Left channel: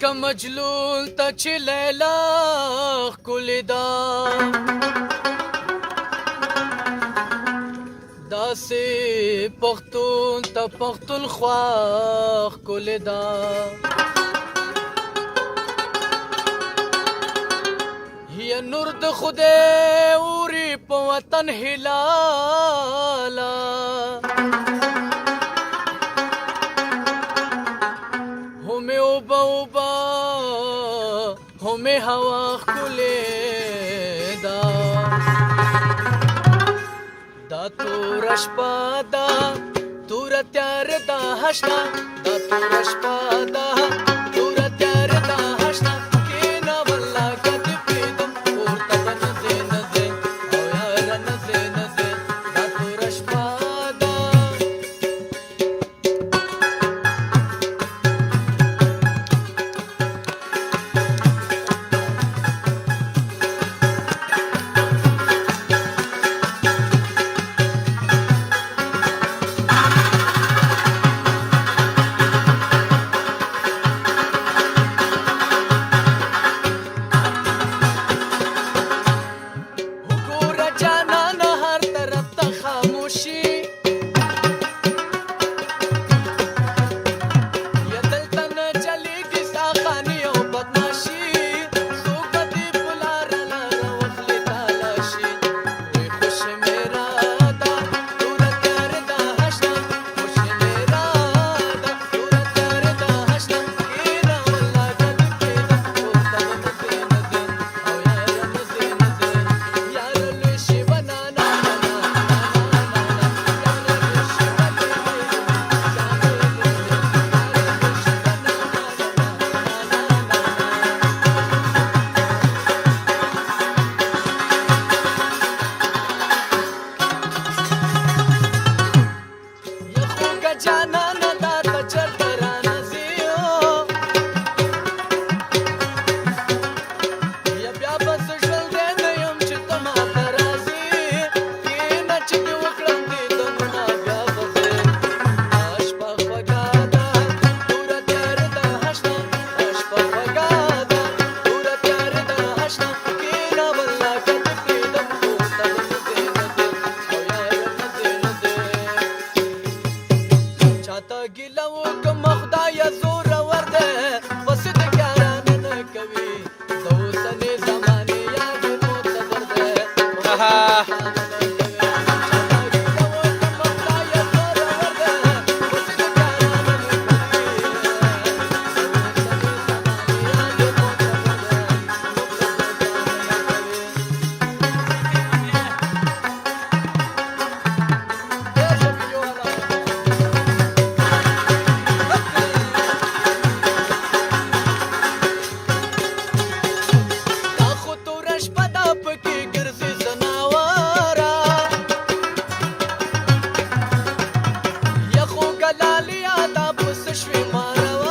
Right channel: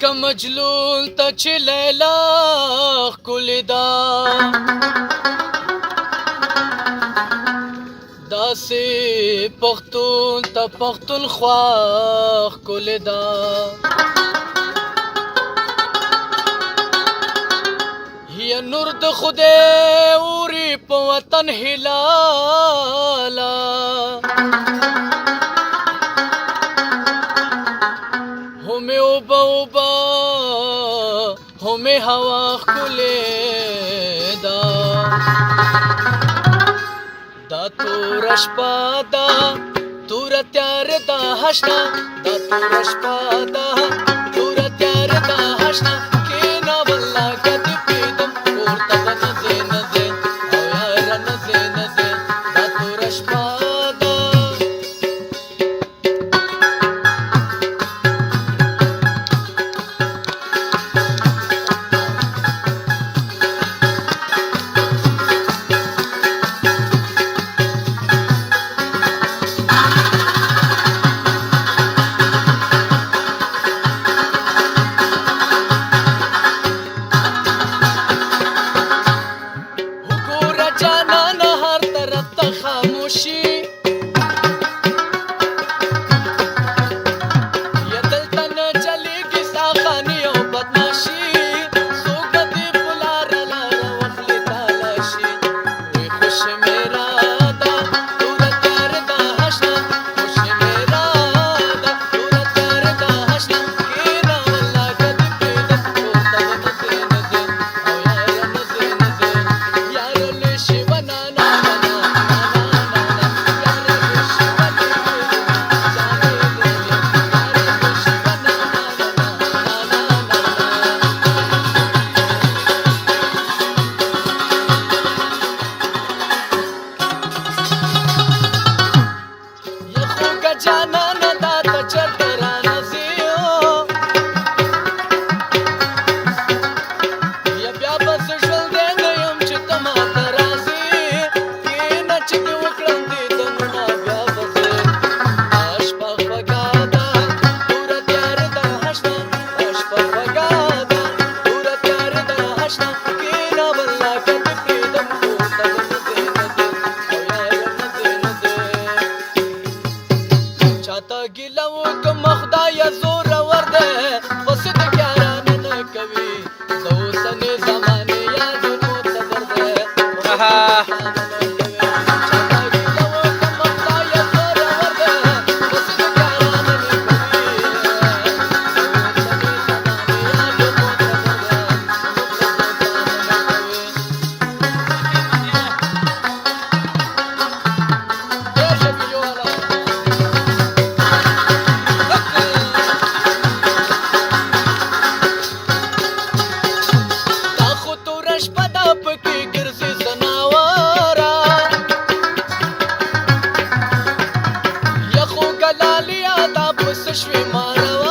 لکه مجلول ته چې لیلا ښکلې ده داسې پښتون ته پښتونخوا ښکلې ده یا نور د خدای اوري په وطن هلاله همې اوبه اوبه همې هوا ښکلې ده دا توره شپه ده توره تیاره ده هشته دا توره شپه ده توره تیاره ده هشته کښېنه والله که دې پرېږدم پورته به نه ځې نه ځې او یاره نه ځې نه ځې دا توره شپه ده جانانه دا ته چرته رانځې یا بیا به زه ژوندی نه یم چې ته ماته راځې کښېنه چې دې وکړم دیدنونه بیا به ځې دا شپه خوږه ده توره تیارې ده هشته دا شپه خوږه ده توره تیارې ده هشته کښېنه والله که دې پرېږدم پورته به نه ځې نه ځې او یاره نه ځې نه ځې چاته ګیله وکړمه خدایه زورور دی پسې د یارانه نه کوي د اوسنۍ زمانې یاد یې معتبر دی شوي ماروا